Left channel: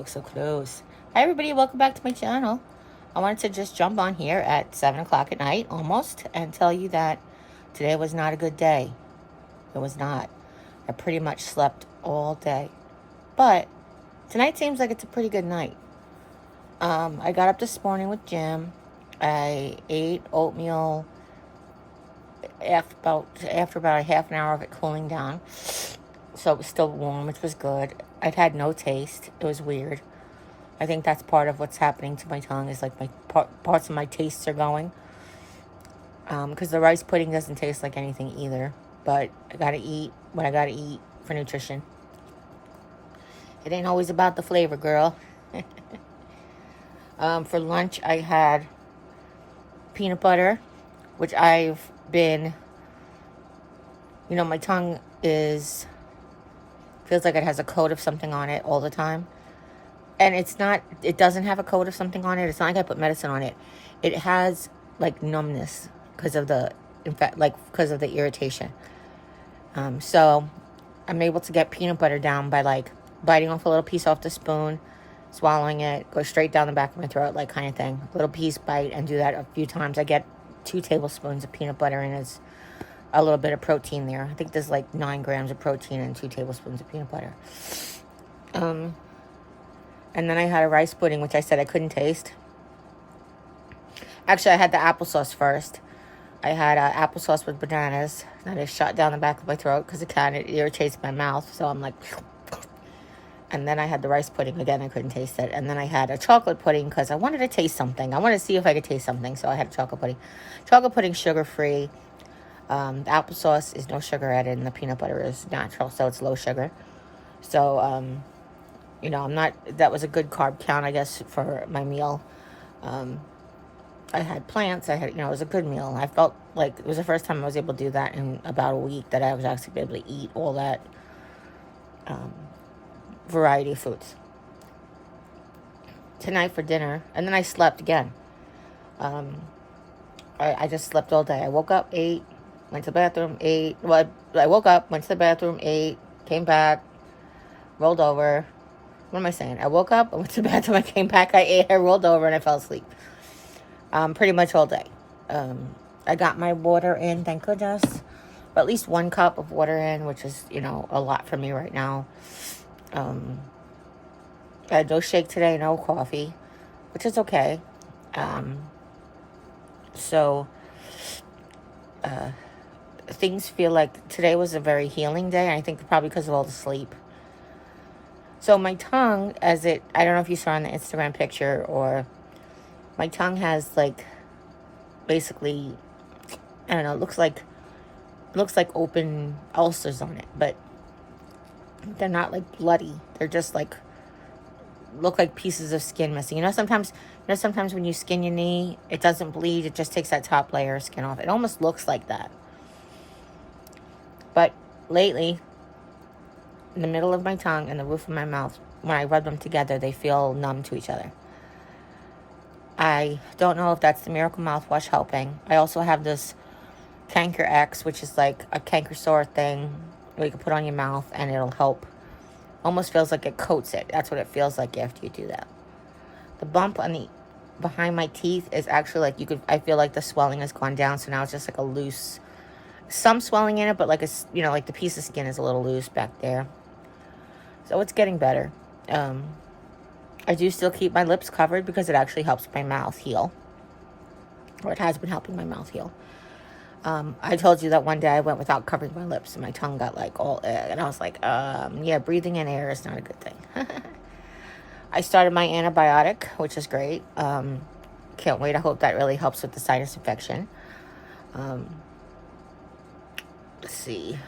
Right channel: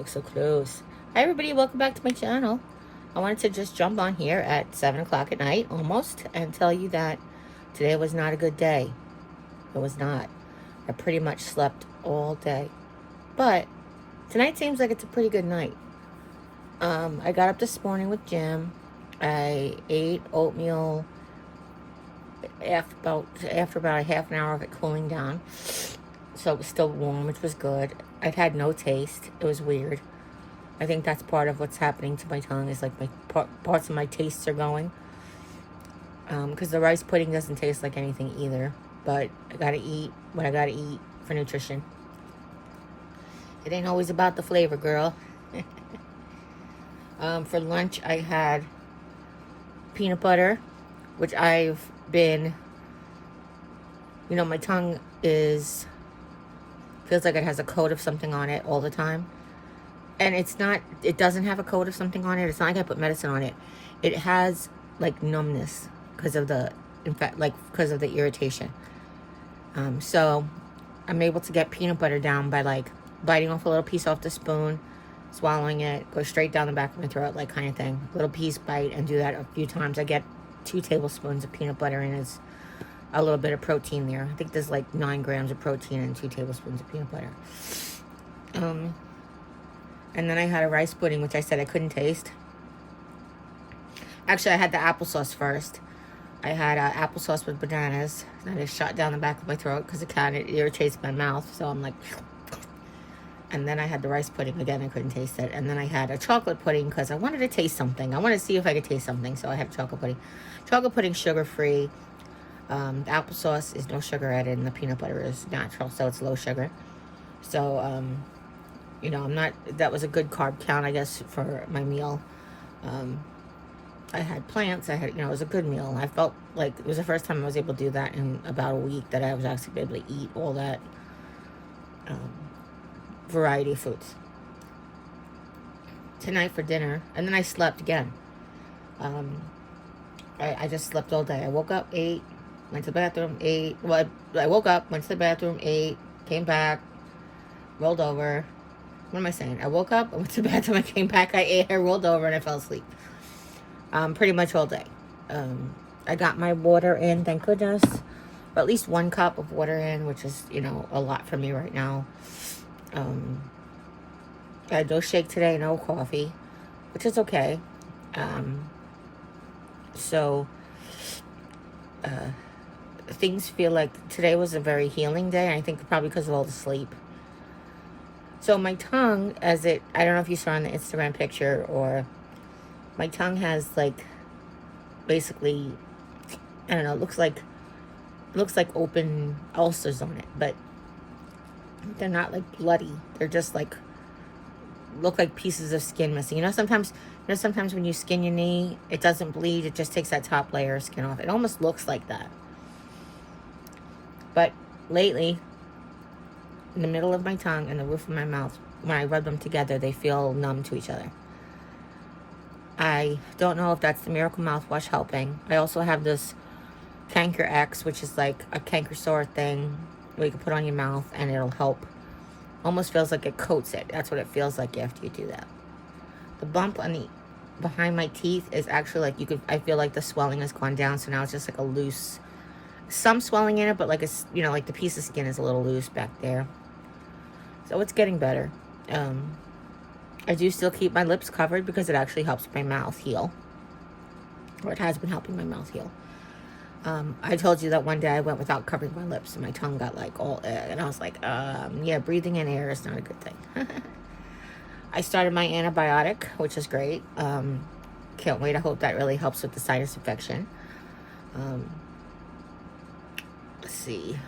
looks so close. Hi everybody, welcome back to my channel. I wanted to just jump on here at 7 o'clock at night, almost, and tell you that today was not a good day. It was not. I pretty much slept all day. But tonight seems like it's a pretty good night. I got up this morning with Jim. I ate oatmeal after about a half an hour of it cooling down. So it was still warm, which was good. I'd had no taste. It was weird. I think that's part of what's happening to my tongue, is like my parts of my tastes are going. Because the rice pudding doesn't taste like anything either. But I gotta eat what I gotta eat for nutrition. It ain't always about the flavor, girl. For lunch, I had peanut butter, which I've been, my tongue feels like it has a coat of something on it all the time. And it doesn't have a coat of something on it. It's not like I put medicine on it. It has like numbness because of the irritation. So I'm able to get peanut butter down by like biting off a little piece off the spoon, swallowing it, go straight down the back of my throat, like kind of thing. Little piece, bite, and do that a few times. I get 2 tablespoons of peanut butter, and it's a little bit of protein there. I think there's like 9 grams of protein and 2 tablespoons of peanut butter. And then I had a rice pudding, which I said I couldn't taste. Actually, I had the applesauce first. I had applesauce with bananas. And I just shot down the back of my throat because it irritates my mouth. So I'm like... And then I had the rice pudding. Again, I couldn't taste it. And then I had a chocolate pudding because I wanted to taste something. I wanted to see if I could taste something. So I had a chocolate pudding. Chocolate pudding, sugar-free. The applesauce is no sugar added, and the peanut butter is natural, so it's low sugar. So, that was a good carb count, I guess, for my meal. I had plants. It was a good meal. I felt like it was the first time I was able to do that in about a week, that I was actually able to eat all that variety of foods. Tonight for dinner, and then I slept again. I just slept all day. I woke up, ate, went to the bathroom, ate. Well, I woke up, went to the bathroom, ate, came back, rolled over. What am I saying? I woke up, I went to the bathroom, I came back, I ate, I rolled over, and I fell asleep. Pretty much all day. I got my water in, thank goodness. But at least 1 cup of water in, which is, a lot for me right now. I had no shake today, no coffee, which is okay. Things feel like today was a very healing day. I think probably because of all the sleep. So my tongue, I don't know if you saw in the Instagram picture, or my tongue has like, basically, I don't know, it looks like open ulcers on it, but they're not like bloody. They're just like, look like pieces of skin missing. Sometimes when you skin your knee, it doesn't bleed. It just takes that top layer of skin off. It almost looks like that. But lately, in the middle of my tongue and the roof of my mouth, when I rub them together, they feel numb to each other. I don't know if that's the Miracle Mouthwash helping. I also have this Canker X, which is like a canker sore thing where you can put on your mouth and it'll help. Almost feels like it coats it. That's what it feels like after you do that. The bump behind my teeth is actually like, I feel like the swelling has gone down, so now it's just like a loose, some swelling in it, but like like the piece of skin is a little loose back there. So it's getting better. I do still keep my lips covered because it actually helps my mouth heal. Or it has been helping my mouth heal. I told you that one day I went without covering my lips and my tongue got like all, and I was like, yeah, breathing in air is not a good thing. I started my antibiotic, which is great. Can't wait. I hope that really helps with the sinus infection. Let's see.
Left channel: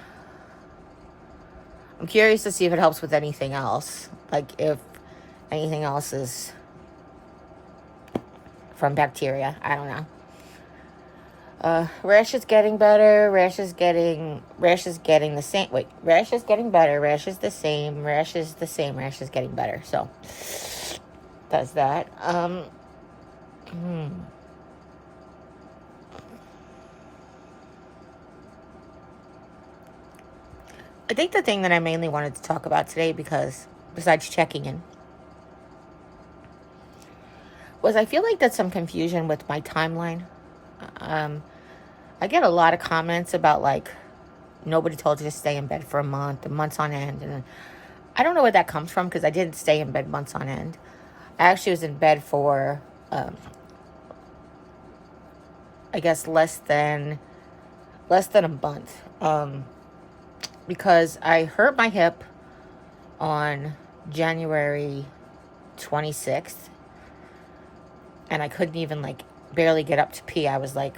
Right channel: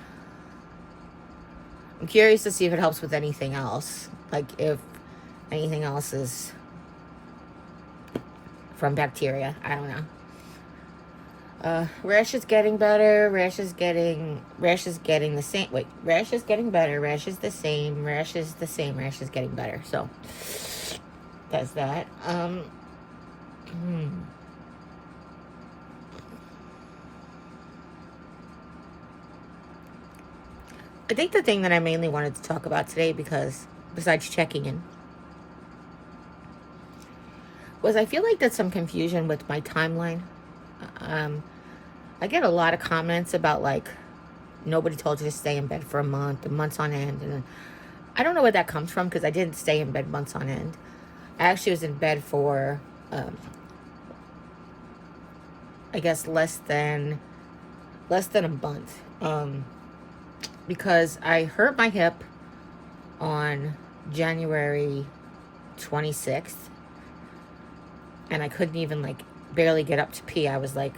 I'm curious to see if it helps with anything else. Like if anything else is from bacteria. I don't know. Rash is getting better. Rash is getting the same. Wait, rash is getting better. Rash is the same. Rash is the same. Rash is getting better. So that's that. I think the thing that I mainly wanted to talk about today, because besides checking in, was I feel like there's some confusion with my timeline. I get a lot of comments about like, nobody told you to stay in bed for a month, and months on end. And I don't know where that comes from, because I didn't stay in bed months on end. I actually was in bed for, I guess, less than a month. Because I hurt my hip on January 26th. And I couldn't even, like, barely get up to pee. I was, like,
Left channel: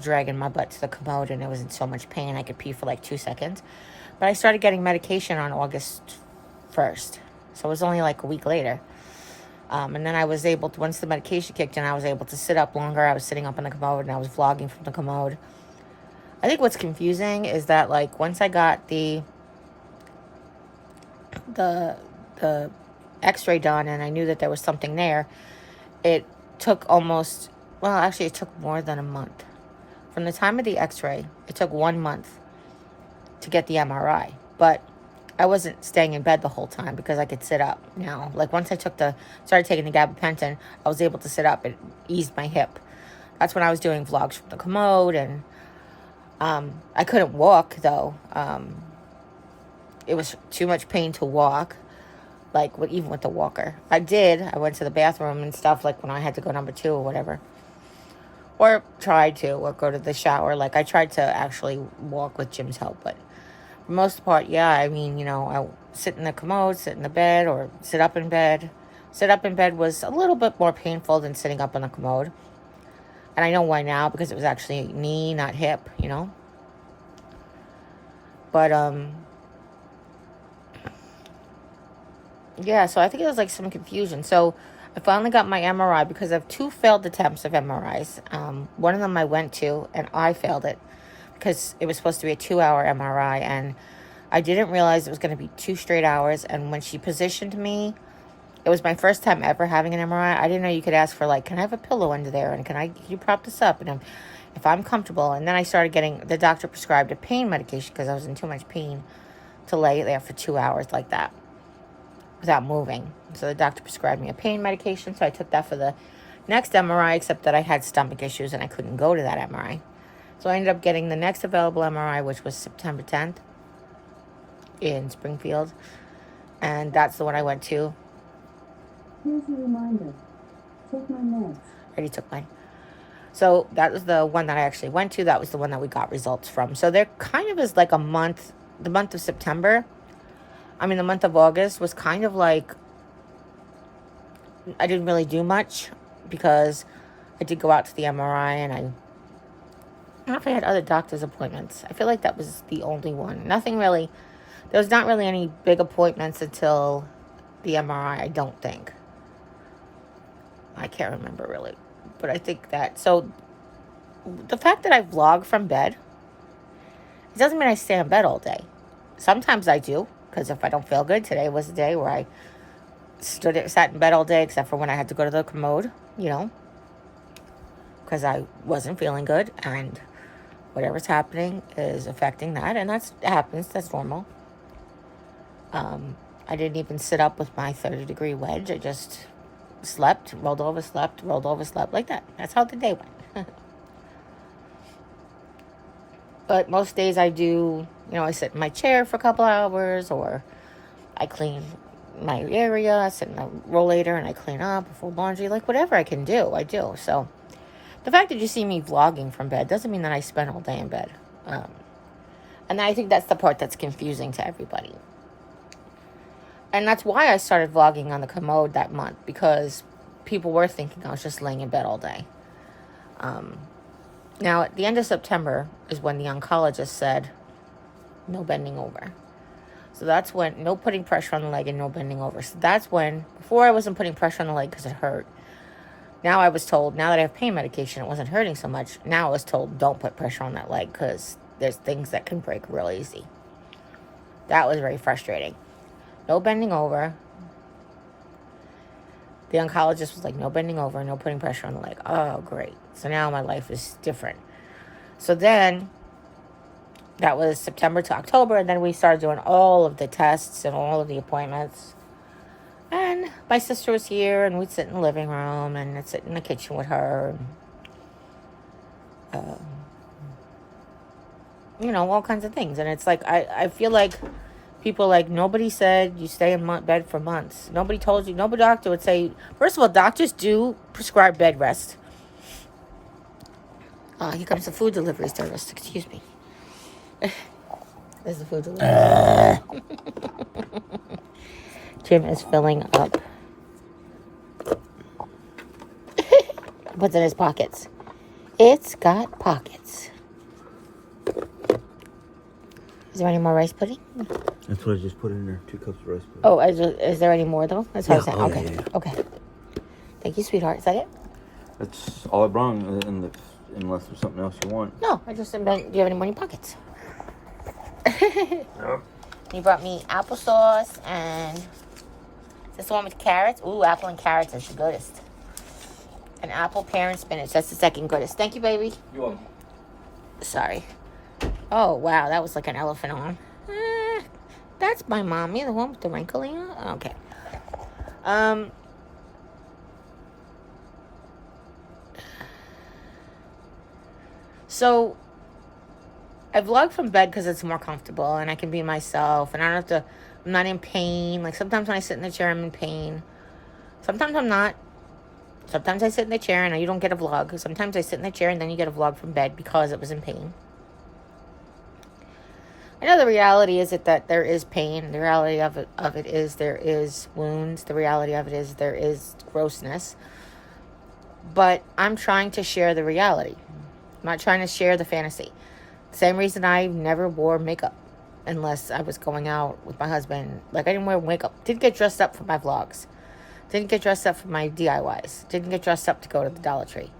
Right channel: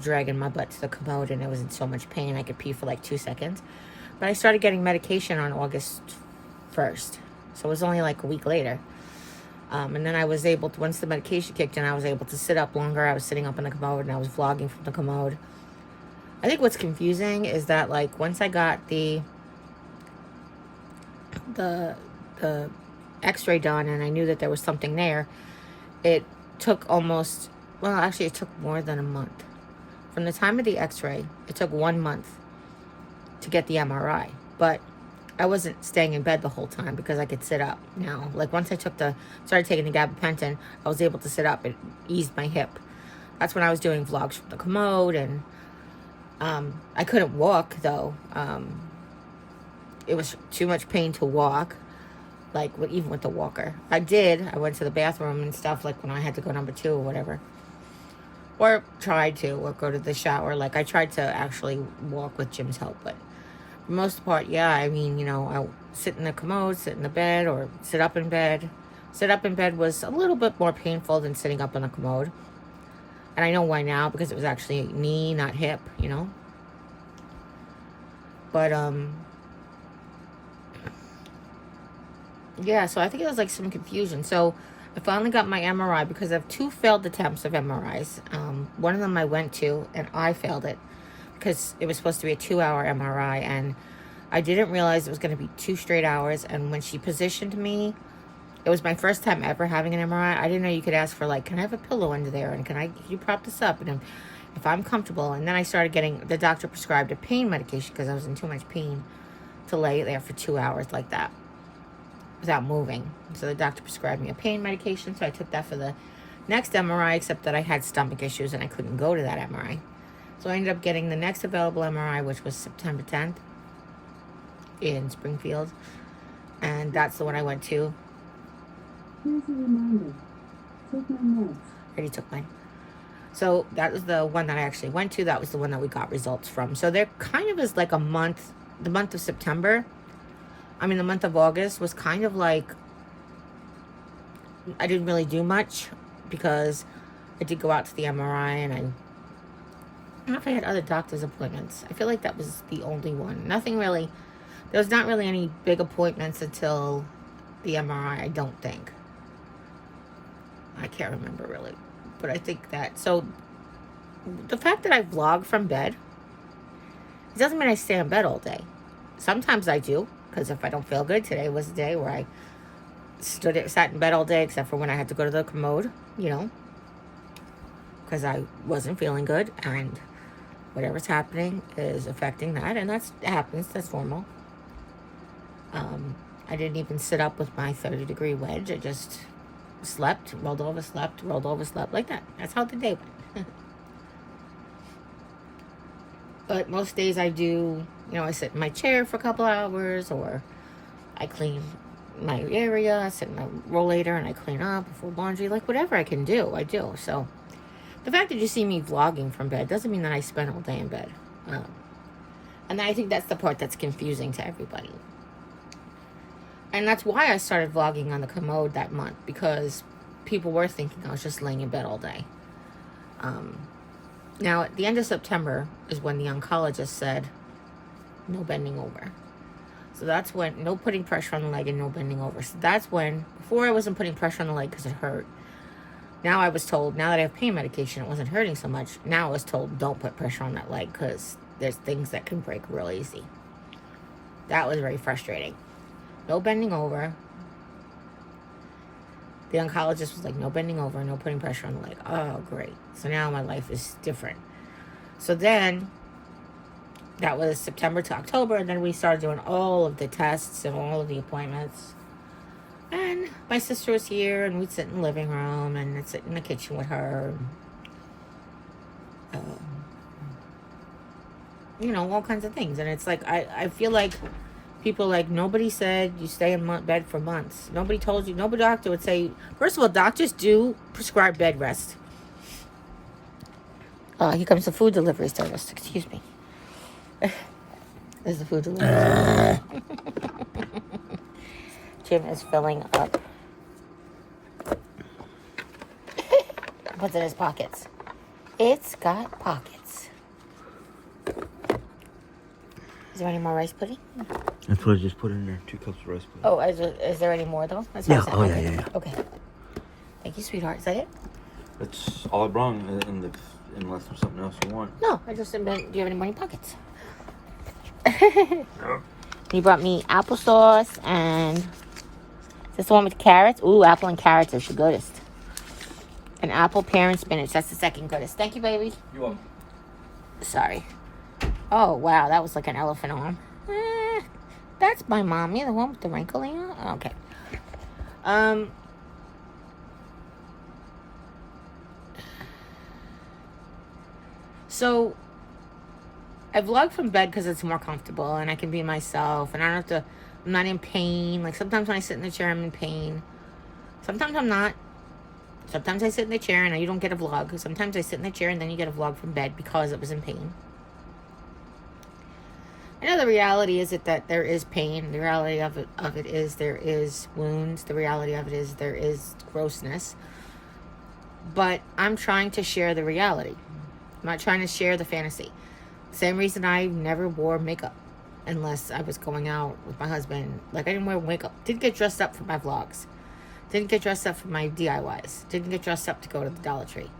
dragging my butt to the commode, and I was in so much pain I could pee for, like, 2 seconds. But I started getting medication on August 1st. So it was only, like, a week later. And then I was able to, once the medication kicked in, I was able to sit up longer. I was sitting up in the commode, and I was vlogging from the commode. I think what's confusing is that, like, once I got the x-ray done, and I knew that there was something there, it took almost, well, actually it took more than a month. From the time of the x-ray, it took 1 month to get the MRI. But I wasn't staying in bed the whole time, because I could sit up now. Like, once I started taking the gabapentin, I was able to sit up. It eased my hip. That's when I was doing vlogs from the commode, and I couldn't walk, though. It was too much pain to walk, like, even with the walker. I went to the bathroom and stuff, like, when I had to go number 2 or whatever. Or tried to, or go to the shower. Like, I tried to actually walk with Jim's help, but for the most part, yeah, I mean, you know, I sit in the commode, sit in the bed, or sit up in bed. Sit up in bed was a little bit more painful than sitting up in the commode. And I know why now, because it was actually knee, not hip, you know. But, yeah, so I think there was, like, some confusion. So I finally got my MRI, because of 2 failed attempts of MRIs. One of them I went to, and I failed it, because it was supposed to be a 2-hour MRI, and I didn't realize it was going to be 2 straight hours. And when she positioned me, it was my first time ever having an MRI. I didn't know you could ask for, like, can I have a pillow under there, and can you prop this up, and if I'm comfortable. And then I started getting, the doctor prescribed a pain medication, because I was in too much pain to lay there for 2 hours like that without moving. So the doctor prescribed me a pain medication, so I took that for the next MRI, except that I had stomach issues and I couldn't go to that MRI. So I ended up getting the next available MRI, which was September 10th in Springfield. And that's the one I went to. Here's your reminder. Take my meds. I already took mine. So that was the one that I actually went to. That was the one that we got results from. So there kind of is like a month, the month of September. I mean, the month of August was kind of like, I didn't really do much, because I did go out to the MRI, and I don't know if I had other doctor's appointments. I feel like that was the only one. Nothing really, there was not really any big appointments until the MRI, I don't think. I can't remember really. But I think that, so the fact that I vlog from bed, it doesn't mean I stay in bed all day. Sometimes I do, because if I don't feel good, today was a day where I sat in bed all day, except for when I had to go to the commode, you know, because I wasn't feeling good, and whatever's happening is affecting that, and that happens, that's normal. I didn't even sit up with my 30-degree wedge. I just slept, rolled over, slept, like that. That's how the day went. But most days I do, you know, I sit in my chair for a couple hours, or I clean my area, I sit in the rollator and I clean up, fold laundry, like whatever I can do, I do. So the fact that you see me vlogging from bed doesn't mean that I spend all day in bed. And I think that's the part that's confusing to everybody. And that's why I started vlogging on the commode that month, because people were thinking I was just laying in bed all day. Now, at the end of September is when the oncologist said, no bending over. So that's when, no putting pressure on the leg and no bending over. So that's when, before I wasn't putting pressure on the leg because it hurt. Now I was told, now that I have pain medication, it wasn't hurting so much. Now I was told, don't put pressure on that leg because there's things that can break real easy. That was very frustrating. No bending over. The oncologist was like, no bending over, no putting pressure on the leg. Oh, great. So now my life is different. So then, that was September to October, and then we started doing all of the tests and all of the appointments. And then my sister was here, and we'd sit in the living room, and I'd sit in the kitchen with her. And, you know, all kinds of things. And it's like, I feel like people like, nobody said you stay in bed for months. Nobody told you. No doctor would say, first of all, doctors do prescribe bed rest. Here comes the food delivery service. Excuse me. There's the food delivery service. Jim is filling up. What's in his pockets? It's got pockets. Is there any more rice pudding? That's what I just put in there. 2 cups of rice pudding. Oh, is there any more though? That's what I said. Okay. Yeah. Okay. Thank you, sweetheart. Is that it? That's all I brought, unless there's something else you want. No, I just meant, do you have any money pockets? Nope. He brought me applesauce and... Is this the one with carrots? Ooh, apple and carrots is the goodest. And apple, pear, and spinach. That's the second goodest. Thank you, baby. You're welcome. Sorry. Oh, wow. That was like an elephant arm. That's my mommy, the one with the wrinkling on. Okay. So, I vlog from bed because it's more comfortable and I can be myself and I don't have to, I'm not in pain. Like sometimes when I sit in the chair, I'm in pain. Sometimes I'm not. Sometimes I sit in the chair and you don't get a vlog. Sometimes I sit in the chair and then you get a vlog from bed because it was in pain. I know the reality is that there is pain. The reality of it is there is wounds. The reality of it is there is grossness. But I'm trying to share the reality. I'm not trying to share the fantasy. Same reason I never wore makeup unless I was going out with my husband. Like I didn't wear makeup. Didn't get dressed up for my vlogs. Didn't get dressed up for my DIYs. Didn't get dressed up to go to the Dollar Tree.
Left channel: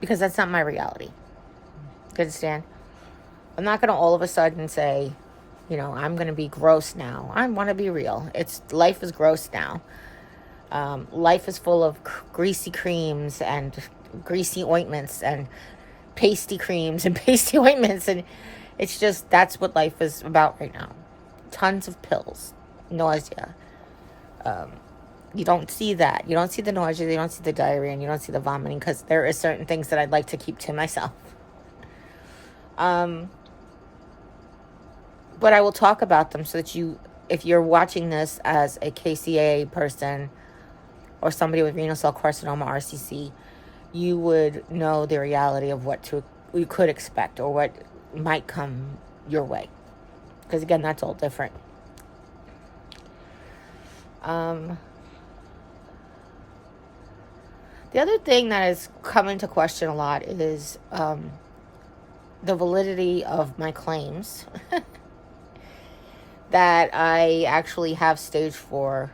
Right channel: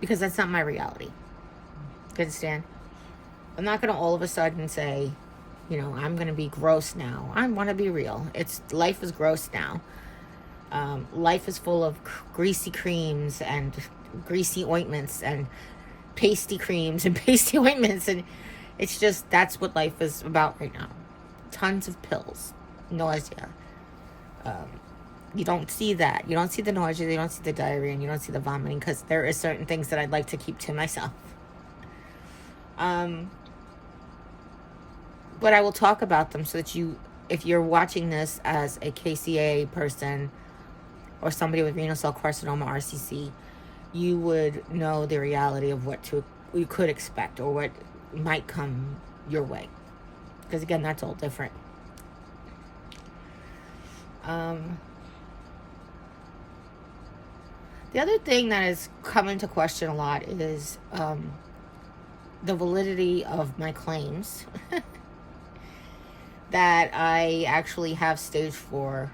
Because that's not my reality. You understand? I'm not going to all of a sudden say, you know, I'm going to be gross now. I want to be real. Life is gross now. Life is full of greasy creams and greasy ointments and pasty creams and pasty ointments. And it's just, that's what life is about right now. Tons of pills. Nausea. You don't see that. You don't see the nausea. You don't see the diarrhea. And you don't see the vomiting. Because there are certain things that I'd like to keep to myself. But I will talk about them so that if you're watching this as a KCA person or somebody with renal cell carcinoma, RCC, you would know the reality of what you could expect or what might come your way. Because again, that's all different. The other thing that has come into question a lot is the validity of my claims. That I actually have stage 4,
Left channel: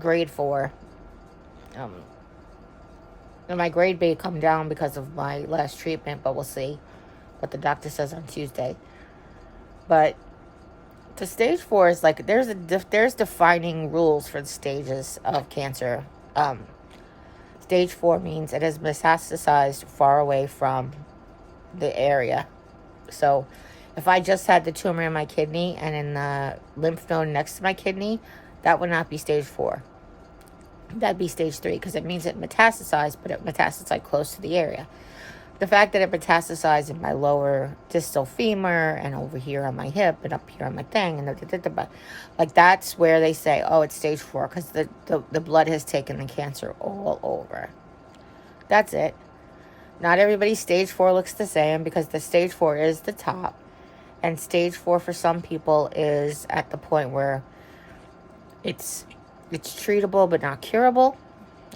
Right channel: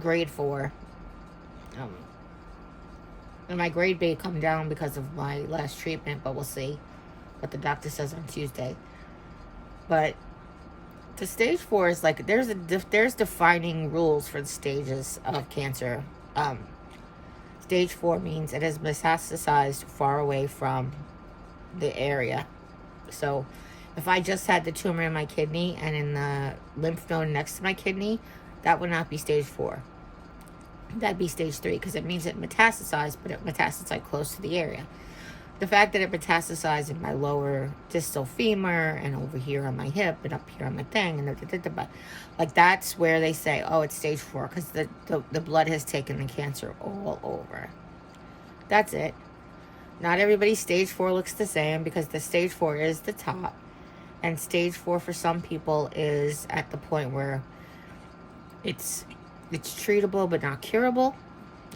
grade 4. And my grade may come down because of my last treatment, but we'll see what the doctor says on Tuesday. But the stage 4 is like, there's defining rules for the stages of cancer. Stage 4 means it has metastasized far away from the area. So if I just had the tumor in my kidney and in the lymph node next to my kidney, that would not be stage 4. That'd be stage 3 because it means it metastasized, but it metastasized close to the area. The fact that it metastasized in my lower distal femur and over here on my hip and up here on my thing, and like that's where they say, oh, it's stage 4 because the blood has taken the cancer all over. That's it. Not everybody's stage 4 looks the same because the stage 4 is the top. And stage 4 for some people is at the point where it's treatable but not curable.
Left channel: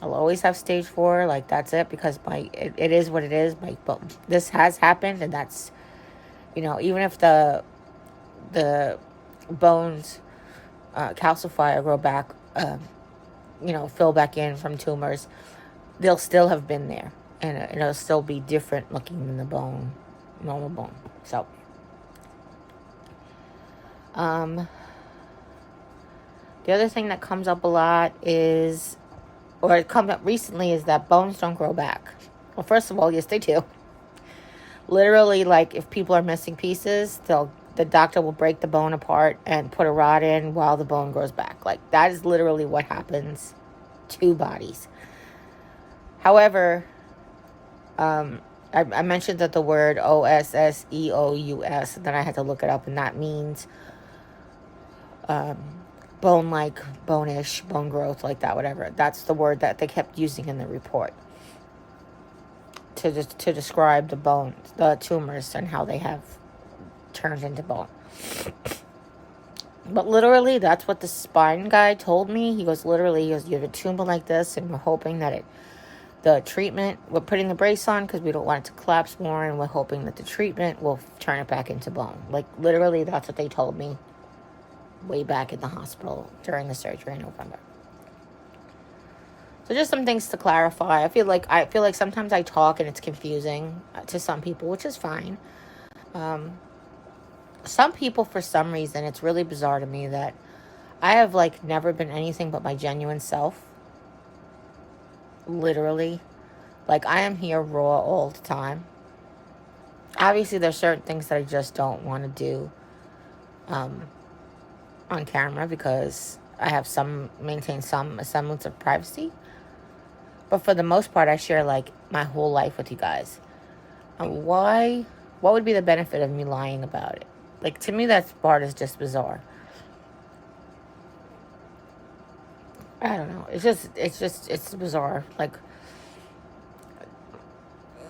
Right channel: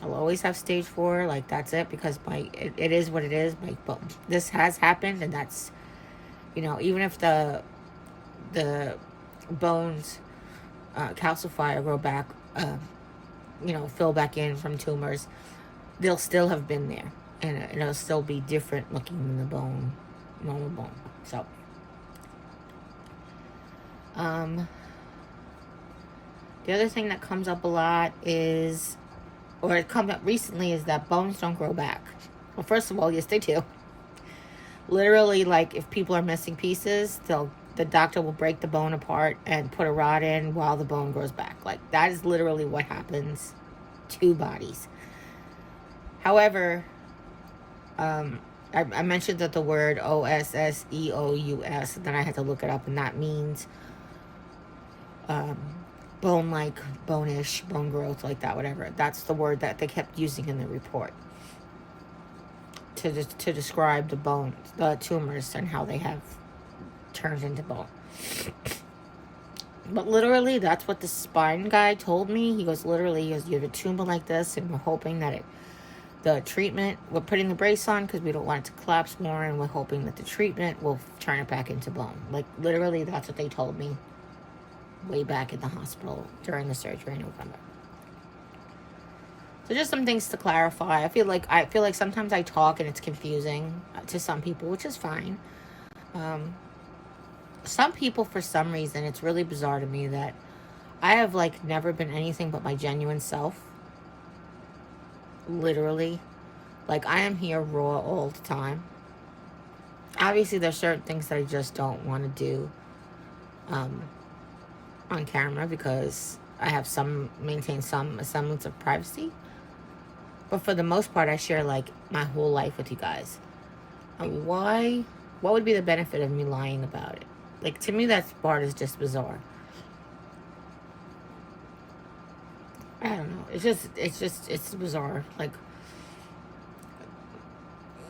I'll always have stage 4, like that's it, because it is what it is. But this has happened, and that's, you know, even if the bones calcify or grow back, fill back in from tumors, they'll still have been there, and it'll still be different looking than the bone, normal bone. So. The other thing that comes up a lot is, or it comes up recently, is that bones don't grow back. Well, first of all, yes, they do. Literally, like, if people are missing pieces, they'll the doctor will break the bone apart and put a rod in while the bone grows back. Like, that is literally what happens to bodies. However, I mentioned that the word OSSEOUS, then I had to look it up, and that means bone-like, bone-ish, bone growth, like that, whatever. That's the word that they kept using in the report to describe the bones, the tumors, and how they have turned into bone. But literally, that's what the spine guy told me. He goes, literally, you have a tumor like this, and we're hoping that the treatment, we're putting the brace on because we don't want it to collapse more, and we're hoping that the treatment will turn it back into bone. Like, literally, that's what they told me way back in the hospital during the surgery in November. So just some things to clarify. I feel like sometimes I talk and it's confusing to some people, which is fine. Some people, for some reason, it's really bizarre to me that I have, like, never been anything but my genuine self. Literally. Like, I am here raw all the time. Obviously, there's certain things that I just don't want to do on camera because I have maintain some semblance of privacy. But for the most part, I share, like, my whole life with you guys. What would be the benefit of me lying about it? Like, to me, that part is just bizarre. I don't know. It's bizarre. Like,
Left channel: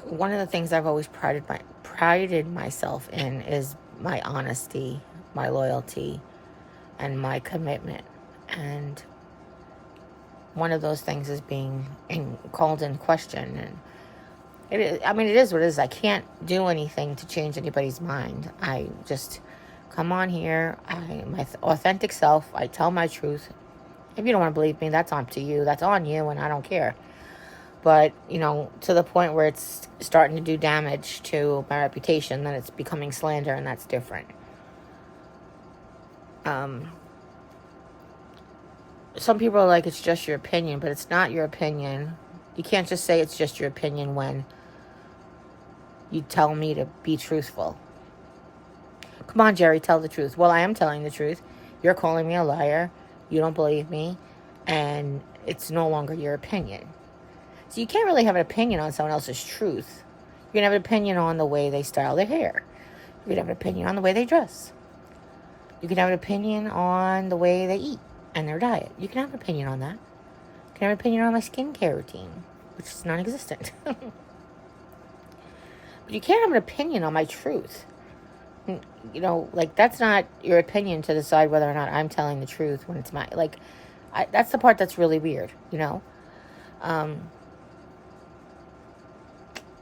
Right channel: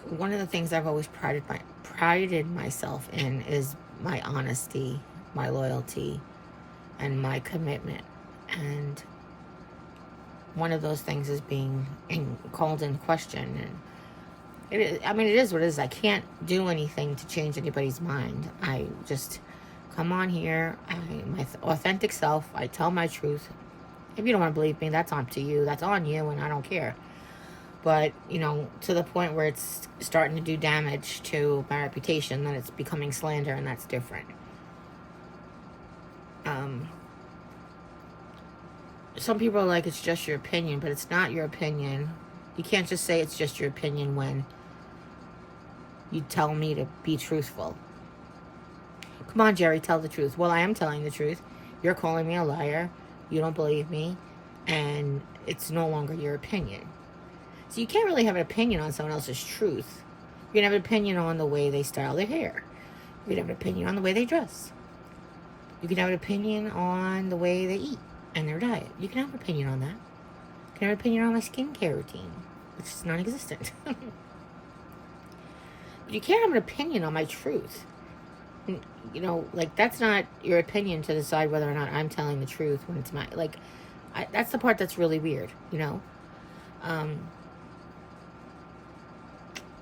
one of the things I've always prided myself in is my honesty, my loyalty, and my commitment. And one of those things is being called in question. And it is what it is. I can't do anything to change anybody's mind. I just come on here, my authentic self. I tell my truth. If you don't want to believe me, that's up to you. That's on you, and I don't care. But, to the point where it's starting to do damage to my reputation, then it's becoming slander, and that's different. Some people are like, it's just your opinion, but it's not your opinion. You can't just say it's just your opinion when you tell me to be truthful. Come on, Jerry, tell the truth. Well, I am telling the truth. You're calling me a liar. You don't believe me. And it's no longer your opinion. So you can't really have an opinion on someone else's truth. You can have an opinion on the way they style their hair. You can have an opinion on the way they dress. You can have an opinion on the way they eat and their diet. You can have an opinion on that. You can have an opinion on my skincare routine, which is non-existent. But you can't have an opinion on my truth. That's not your opinion to decide whether or not I'm telling the truth when it's my, that's the part that's really weird,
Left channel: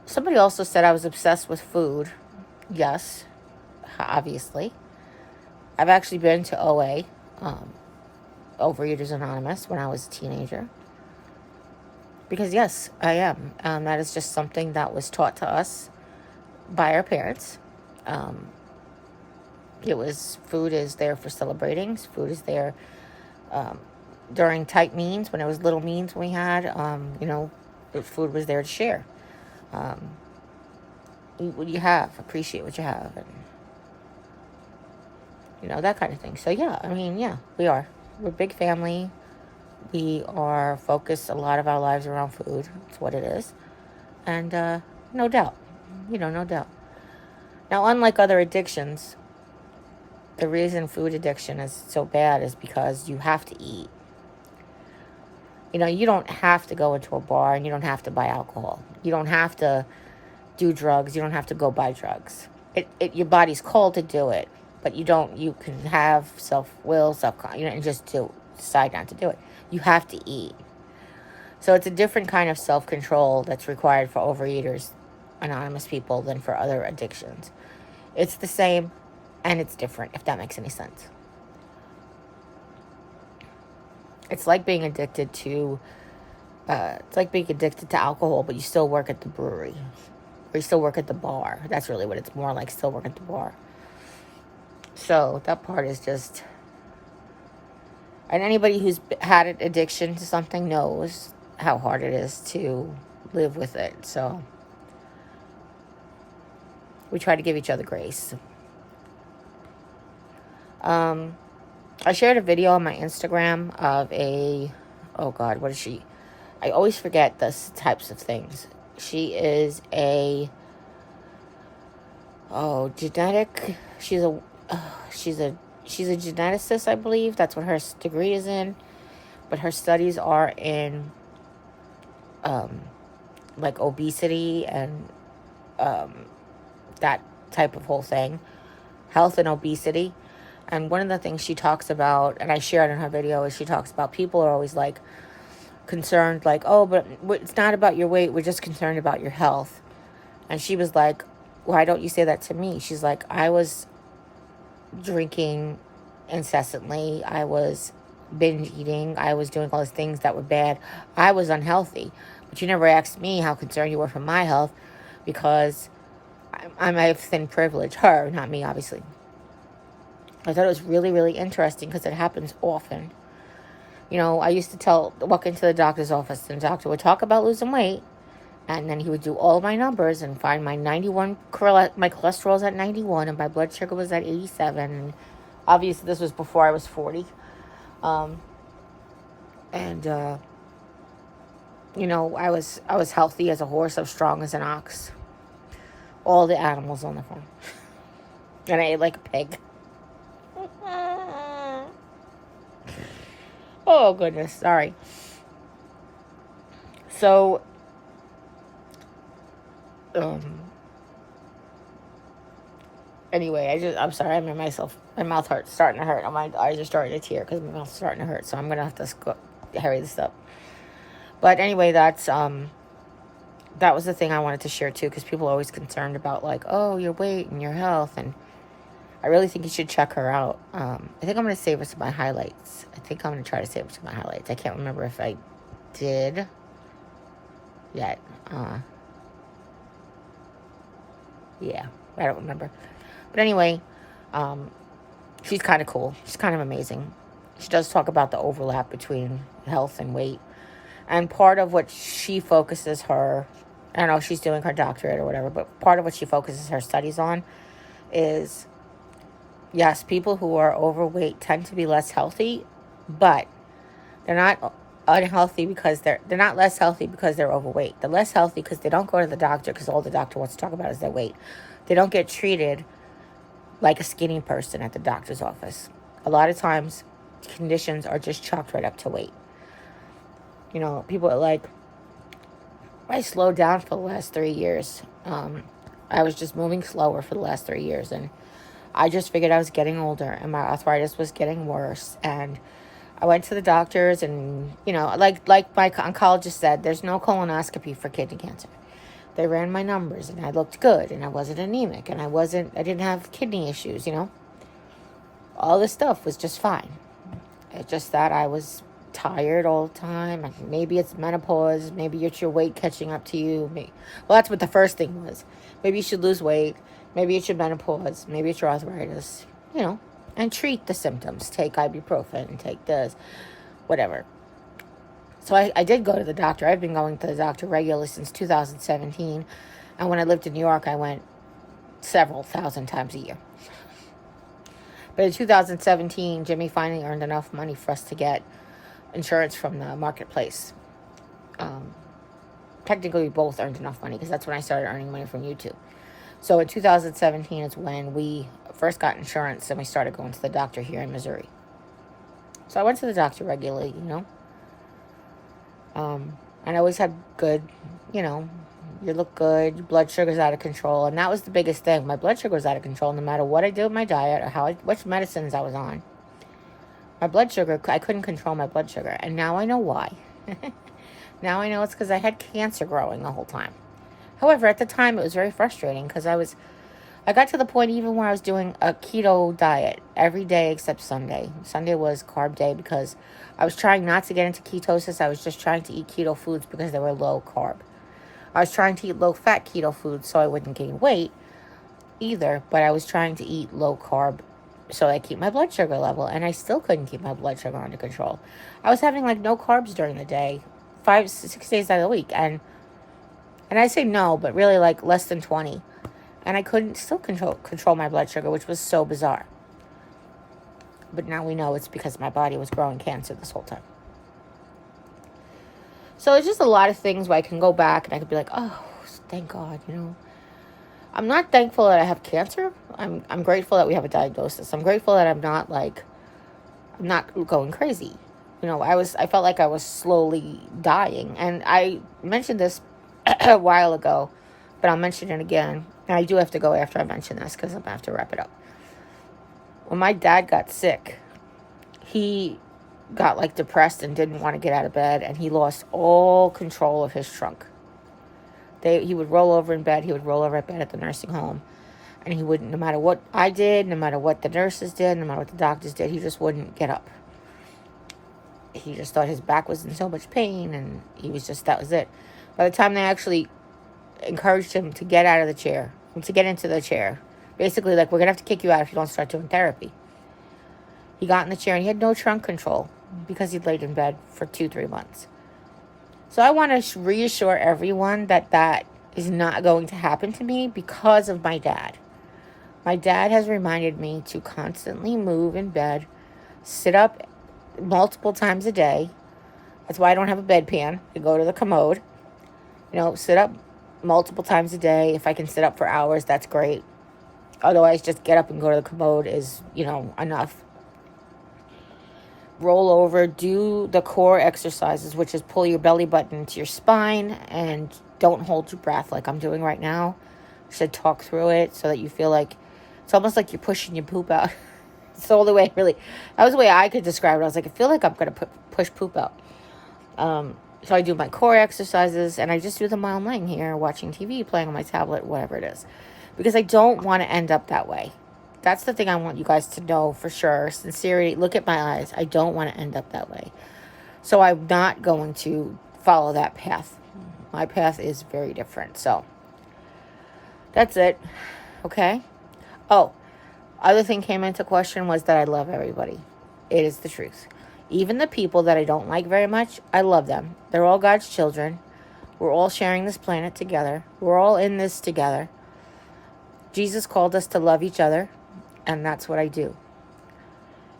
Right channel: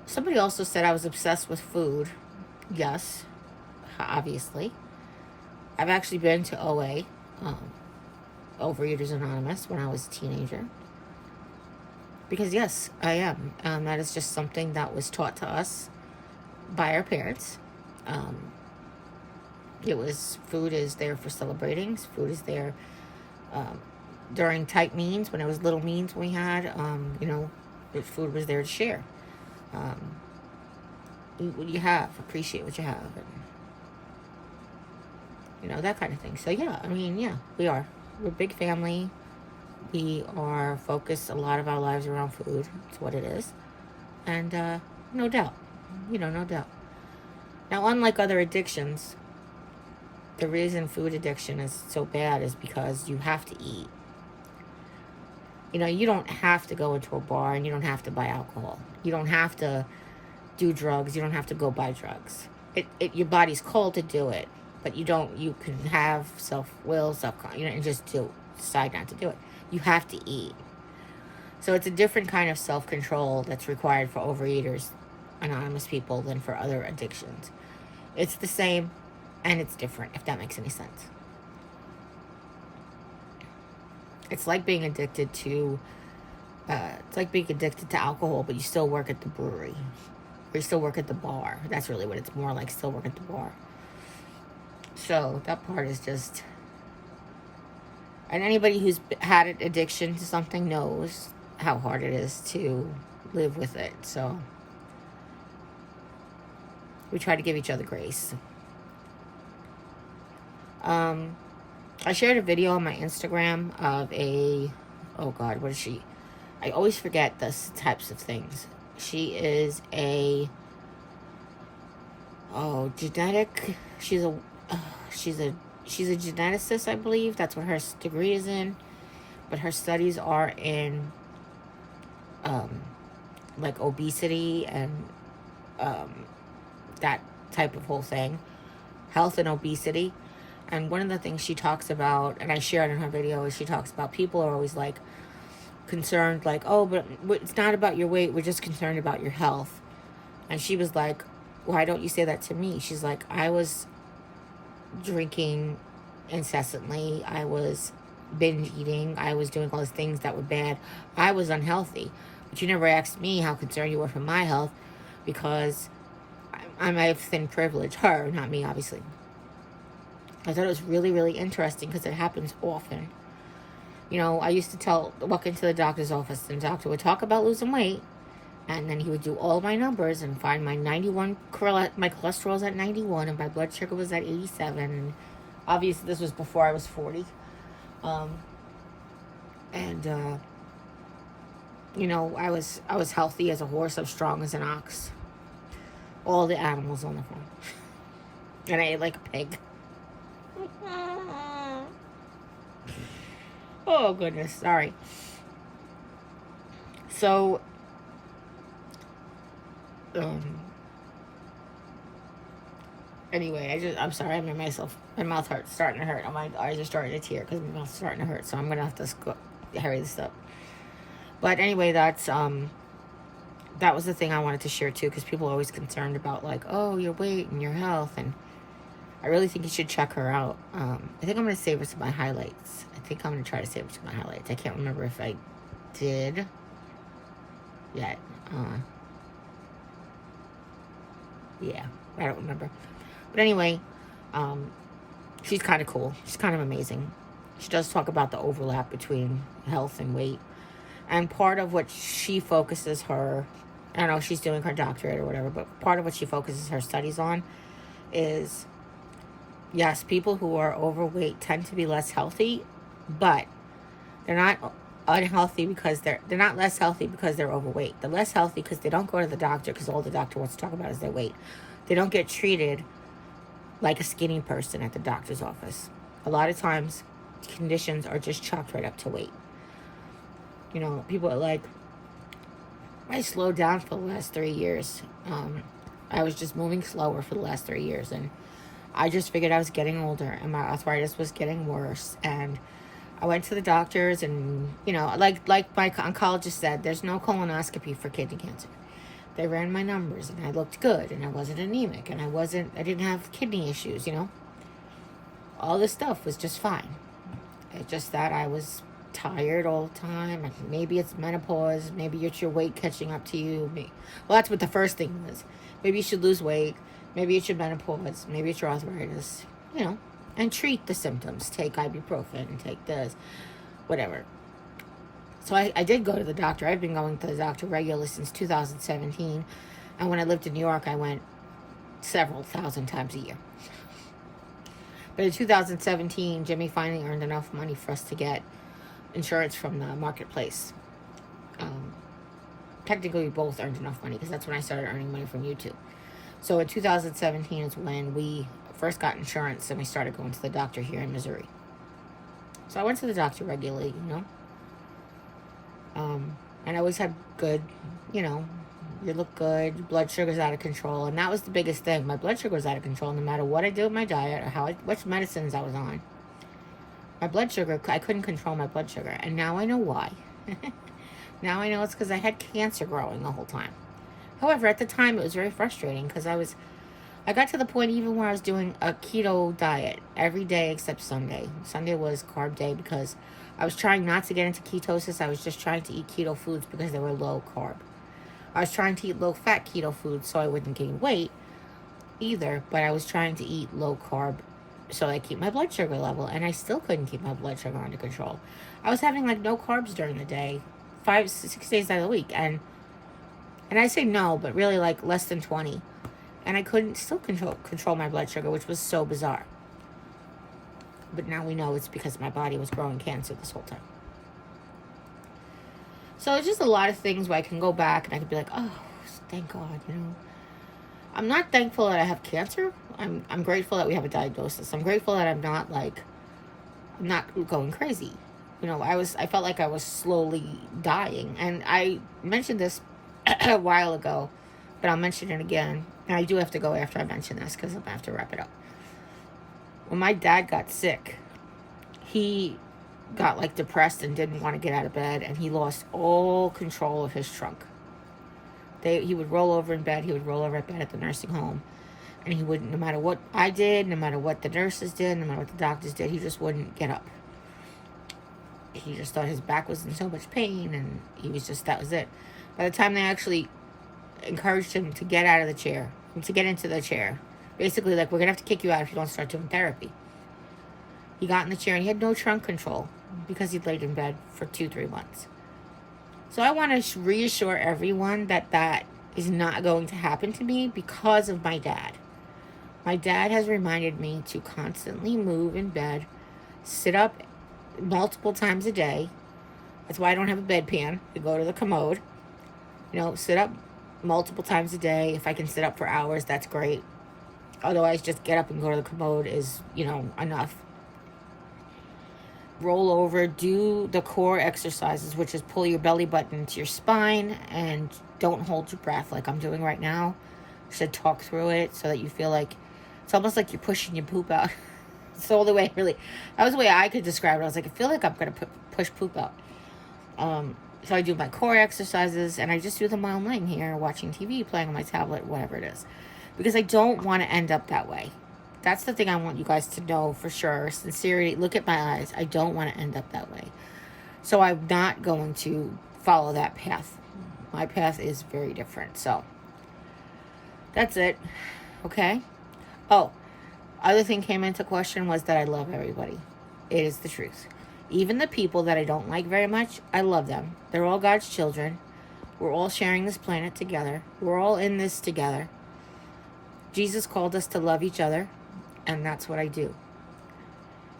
Somebody also said I was obsessed with food. Yes, obviously. I've actually been to OA, Overeaters Anonymous, when I was a teenager. Because, yes, I am. That is just something that was taught to us by our parents. Food is there for celebrating. Food is there during tight means, when it was little means we had, food was there to share. Eat what you have, appreciate what you have, and that kind of thing. So we are. We're a big family. We are focused a lot of our lives around food. It's what it is. And no doubt. No doubt. Now, unlike other addictions, the reason food addiction is so bad is because you have to eat. You don't have to go into a bar and you don't have to buy alcohol. You don't have to do drugs. You don't have to go buy drugs. Your body's called to do it, but you can have self-will, and just decide not to do it. You have to eat. So it's a different kind of self-control that's required for Overeaters Anonymous people than for other addictions. It's the same, and it's different, if that makes any sense. It's like being addicted to alcohol, but you still work at the brewery. Or you still work at the bar. That's really what it's more like, still work at the bar. So that part is just... And anybody who's had an addiction to something knows how hard it is to live with it. So we try to give each other grace. I shared a video on my Instagram of oh God, what is she? I always forget those types of things. She is genetic. She's a geneticist, I believe. That's what her degree is in. But her studies are in, like obesity and, that type of whole thing. Health and obesity. And one of the things she talks about, and I shared in her video, is she talks about people are always like concerned, like, oh, but it's not about your weight. We're just concerned about your health. And she was like, why don't you say that to me? She's like, I was drinking incessantly. I was binge eating. I was doing all these things that were bad. I was unhealthy. But you never asked me how concerned you were for my health, because I might have thin privilege. Her, not me, obviously. I thought it was really, really interesting because it happens often. You know, I used to walk into the doctor's office, and the doctor would talk about losing weight, and then he would do all my numbers and find my 91, my cholesterol's at 91, and my blood sugar was at 87. And obviously, this was before I was 40. You know, I was healthy as a horse, I was strong as an ox. All the animals on the farm. And I ate like a pig. Oh, goodness. Sorry. So, anyway, I'm sorry. My mouth hurts, starting to hurt. My eyes are starting to tear because my mouth's starting to hurt. So I'm going to have to hurry this up. But anyway, that was the thing I wanted to share too, because people are always concerned about like, oh, your weight and your health. And I really think you should check her out. I think I'm going to save her some of my highlights. I think I'm going to try to save her some of my highlights. I can't remember if I did yet. Yeah, I don't remember. But anyway, she's kind of cool. She's kind of amazing. She does talk about the overlap between health and weight. And part of what she focuses her, I don't know if she's doing her doctorate or whatever, but part of what she focuses her studies on is, yes, people who are overweight tend to be less healthy, but they're not unhealthy because they're not less healthy because they're overweight. They're less healthy because they don't go to the doctor, because all the doctor wants to talk about is their weight. They don't get treated like a skinny person at the doctor's office. A lot of times, conditions are just chalked right up to weight. You know, people are like, I slowed down for the last 3 years. I was just moving slower for the last 3 years, and I just figured I was getting older, and my arthritis was getting worse, and I went to the doctors, and, you know, like my oncologist said, there's no colonoscopy for kidney cancer. They ran my numbers, and I looked good, and I wasn't anemic, and I didn't have kidney issues, you know. All this stuff was just fine. It's just that I was tired all the time. Maybe it's menopause. Maybe it's your weight catching up to you. Well, that's what the first thing was. Maybe you should lose weight. Maybe it's your menopause. Maybe it's your arthritis. You know, and treat the symptoms. Take ibuprofen. Take this. Whatever. So I did go to the doctor. I've been going to the doctor regularly since 2017. And when I lived in New York, I went several thousand times a year. But in 2017, Jimmy finally earned enough money for us to get insurance from the marketplace. Technically, we both earned enough money because that's when I started earning money from YouTube. So in 2017 is when we first got insurance and we started going to the doctor here in Missouri. So I went to the doctor regularly, you know. And I always had good, you know, you look good, your blood sugar's out of control. And that was the biggest thing. My blood sugar was out of control no matter what I did with my diet or which medicines I was on. My blood sugar, I couldn't control my blood sugar. And now I know why. Now I know it's because I had cancer growing the whole time. However, at the time, it was very frustrating because I got to the point even where I was doing a keto diet every day except Sunday. Sunday was carb day because I was trying not to get into ketosis. I was just trying to eat keto foods because they were low carb. I was trying to eat low fat keto foods so I wouldn't gain weight either, but I was trying to eat low carb so I keep my blood sugar level, and I still couldn't keep my blood sugar under control. I was having like no carbs during the day, 5-6 days out of the week, and I say no, but really like less than 20, and I couldn't still control my blood sugar, which was so bizarre. But now we know it's because my body was growing cancer this whole time. So it's just a lot of things where I can go back and I could be like, oh, thank God, you know. I'm not thankful that I have cancer. I'm grateful that we have a diagnosis. I'm grateful that I'm not going crazy. You know, I felt like I was slowly dying. And I mentioned this a while ago, but I'll mention it again. And I do have to go after I mention this because I'm going to have to wrap it up. When my dad got sick, he got like depressed and didn't want to get out of bed, and he lost all control of his trunk. He would roll over in bed. He would roll over at bed at the nursing home, and he wouldn't, no matter what I did, no matter what the nurses did, no matter what the doctors did, he just wouldn't get up. He just thought his back was in so much pain, and that was it. By the time they actually encouraged him to get out of the chair, to get into the chair, basically like, we're going to have to kick you out if you don't start doing therapy. He got in the chair and he had no trunk control because he'd laid in bed for 2-3 months. So I want to reassure everyone that is not going to happen to me because of my dad. My dad has reminded me to constantly move in bed, sit up multiple times a day. That's why I don't have a bedpan. I go to the commode. You know, sit up multiple times a day. If I can sit up for hours, that's great. Otherwise, just get up and go to the commode is, enough. Roll over, do the core exercises, which is pull your belly button into your spine and don't hold your breath like I'm doing right now. So talk through it so that you feel like, it's almost like you're pushing your poop out. It's the only way, really. That was the way I could describe it. I was like, I feel like I'm going to push poop out. So I do my core exercises, and I just do them while I'm laying here, watching TV, playing on my tablet, whatever it is. Because I don't want to end up that way. That's the thing I want you guys to know for sure. Sincerity, look at my eyes. I don't want to end up that way. So I'm not going to follow that path. My path is very different. So that's it. Okay? Oh, other thing came into question was that I love everybody. It is the truth. Even the people that I don't like very much, I love them. They're all God's children. We're all sharing this planet together. We're all in this together. Jesus called us to love each other, and that's what I do.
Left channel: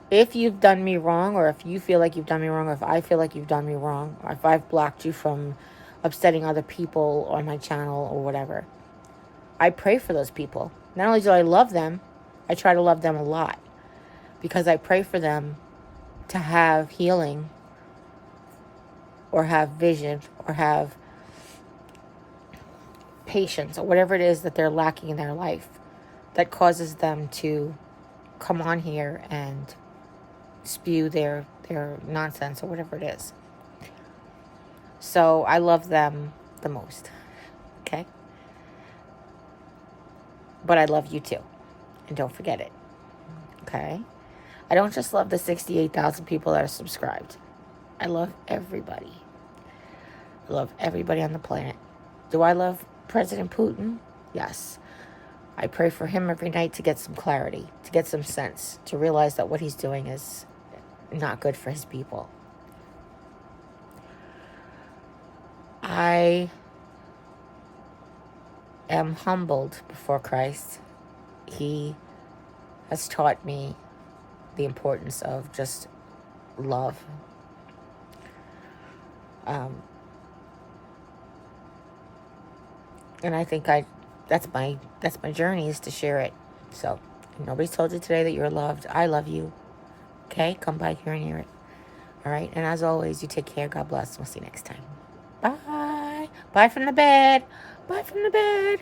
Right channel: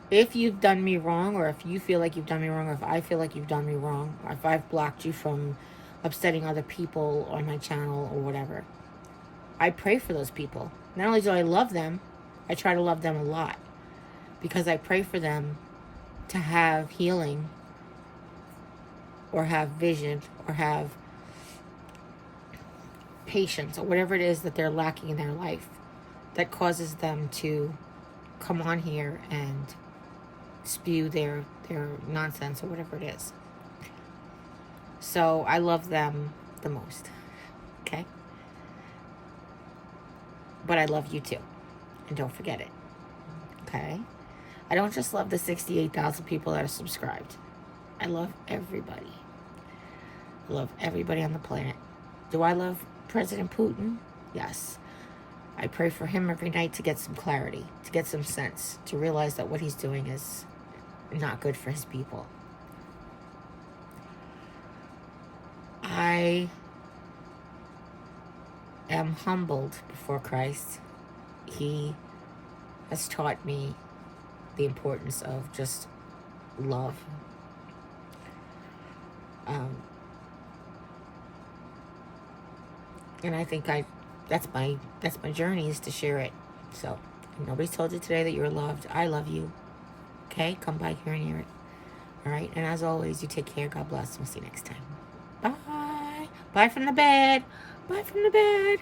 If you've done me wrong, or if you feel like you've done me wrong, or if I feel like you've done me wrong, or if I've blocked you from upsetting other people on my channel or whatever, I pray for those people. Not only do I love them, I try to love them a lot, because I pray for them to have healing, or have vision, or have patience, or whatever it is that they're lacking in their life that causes them to come on here and spew their nonsense or whatever it is. So I love them the most. Okay? But I love you too. And don't forget it. Okay? I don't just love the 68,000 people that are subscribed. I love everybody. I love everybody on the planet. Do I love President Putin? Yes. I pray for him every night to get some clarity, to get some sense, to realize that what he's doing is not good for his people. I am humbled before Christ. He has taught me the importance of just love. And I think that's my journey, is to share it. So, if nobody's told you today that you're loved, I love you. Okay? Come by here and hear it. All right? And as always, you take care. God bless. We'll see you next time. Bye. Bye from the bed. Bye from the bed.